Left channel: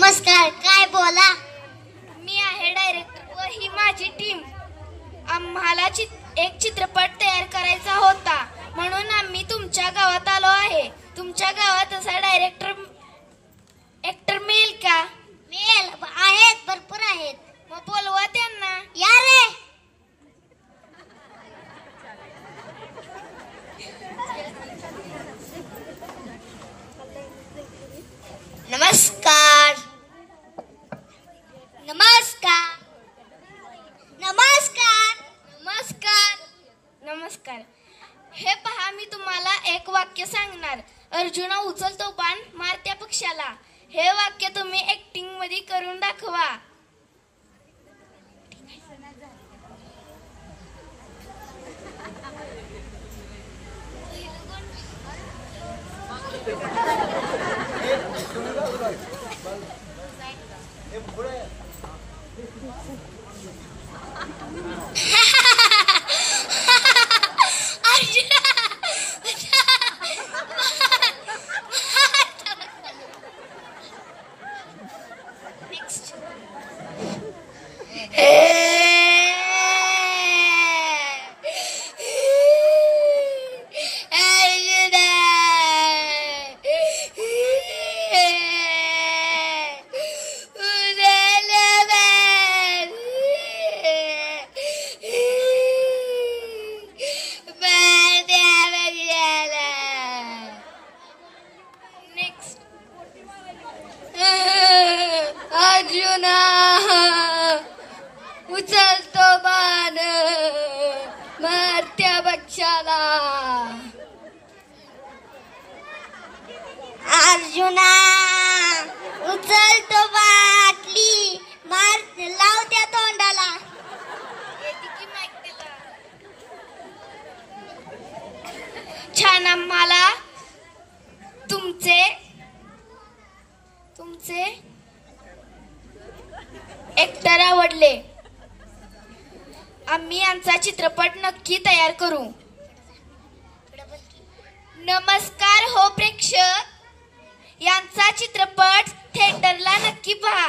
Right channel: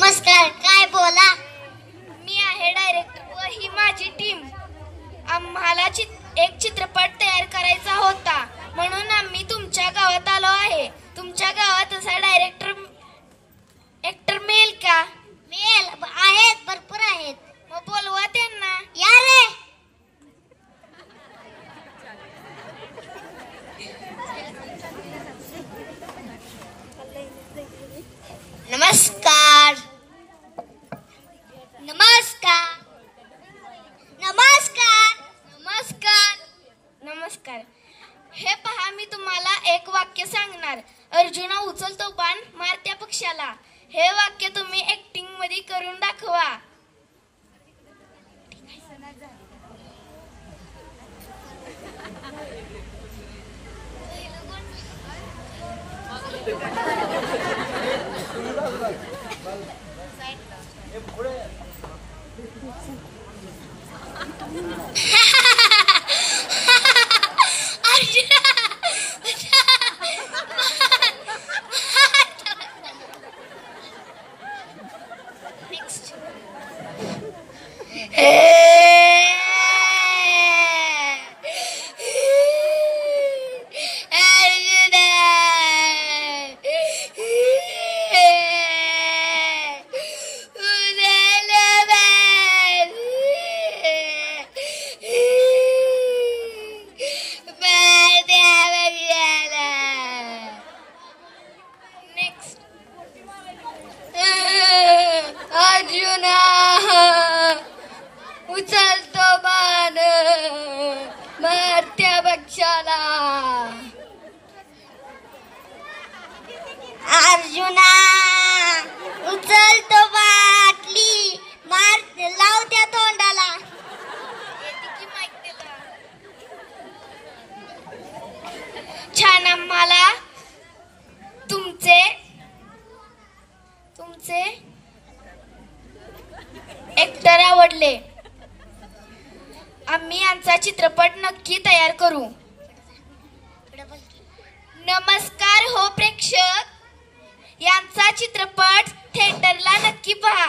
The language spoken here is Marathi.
नमस्कार, काय बोला? मी आहे डायरेक्टर व ही माझी टीम. आम्हाला एक चित्रपट तयार करायचा होता, म्हणून आम्ही तुमच्या गावात आलो आहे. तुमच्या गावात असा एक्टर मिळेल का? मिळेल, आहेत, भरपूर आहेत. मग बोलवा त्यांना. या रे. नमस्कार. नमस्कार. नमस्कार. नमस्कार. नमस्कार. हे पहा, मी तुम्हाला एक वाक्य सांगणार. अर्जुना उचलतो बाण, मार त्या पक्षाला. हे वाक्य तुम्ही ऍक्टिंग मध्ये करून दाखवा. अर्जुना उचलतो बाण, मारत्या पक्षाला. अर्जुना उचलतो बाटली, मार लाव त्या तोंडाला. छान. आम्हाला तुमचे ऍक्टर आवडले. आम्ही आमचा चित्रपट नक्की तयार करू. नमस्कार हो प्रेक्षक, यांचा चित्रपट थिएटरला नक्की पहा.